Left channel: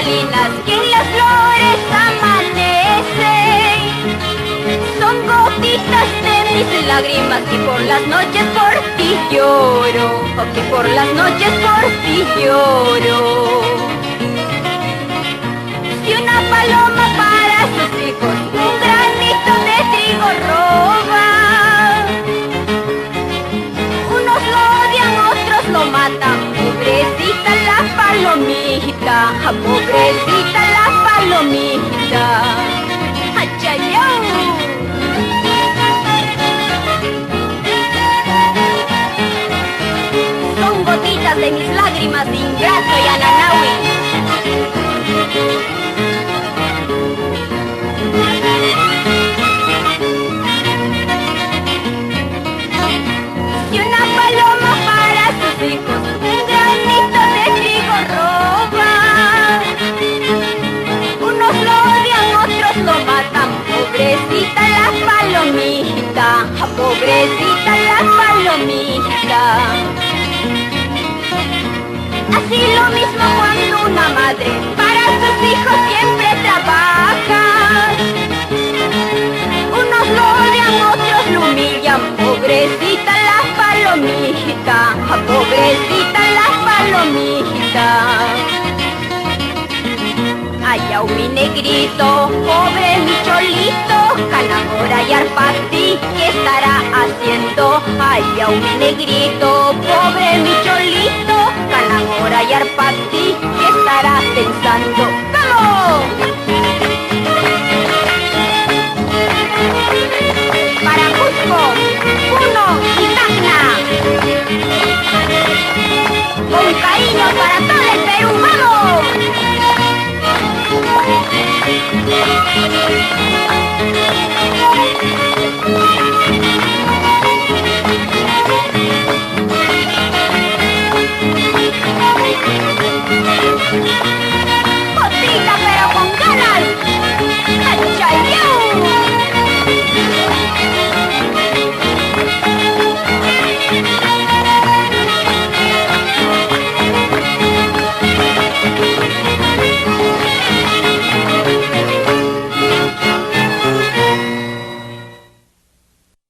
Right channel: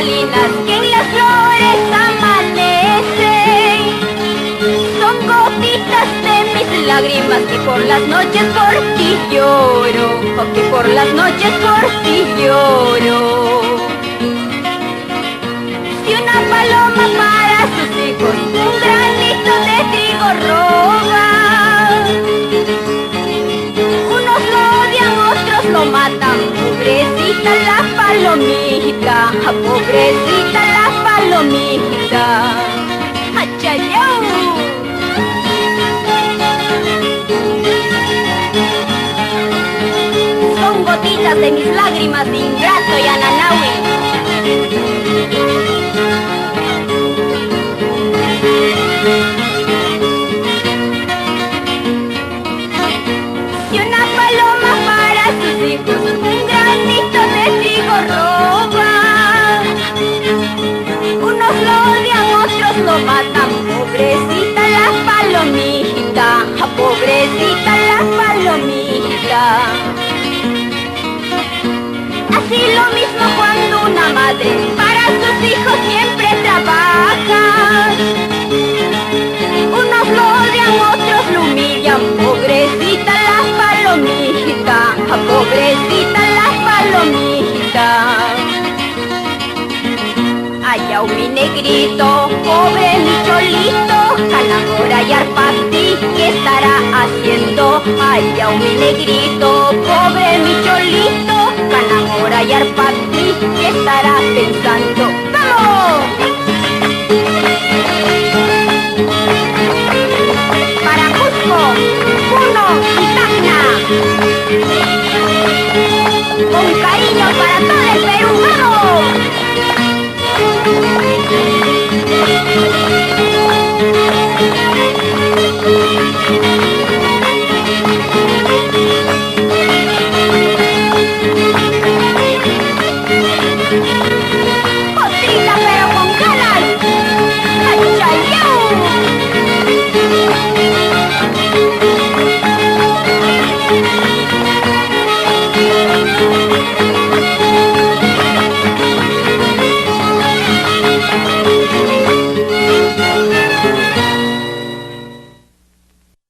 cristalinas que en las flores amanecen. Son gotitas de mis lágrimas que por las noches por ti lloro, o que por las noches por ti lloro. Si una paloma para sus hijos un granito de trigo roba, unos lo odian, otros lo matan. Pobrecita la palomita, pobrecita la palomita. ¡Achayau! Son gotitas de mis lágrimas, ingrato y ananaui. Y una paloma para sus hijos un granito de trigo roba, unos lo odian, otros lo matan. Pobrecita la palomita, pobrecita la palomita. Así lo mismo cuando una madre para sus hijos siempre trabaja, unos lo odian, otros lo humillan. Pobrecita la palomita, pobrecita la palomita. Allá mi negrito, pobre mi cholito, Calahora y Arpati, ¿qué estará haciendo? Allá mi negrito, pobre mi cholito, Calahora y Arpati, ¿qué estará pensando? ¡Vamos! Para Cusco, Puno y Tacna, con cariño para todo el Perú, ¡vamos! Thank you.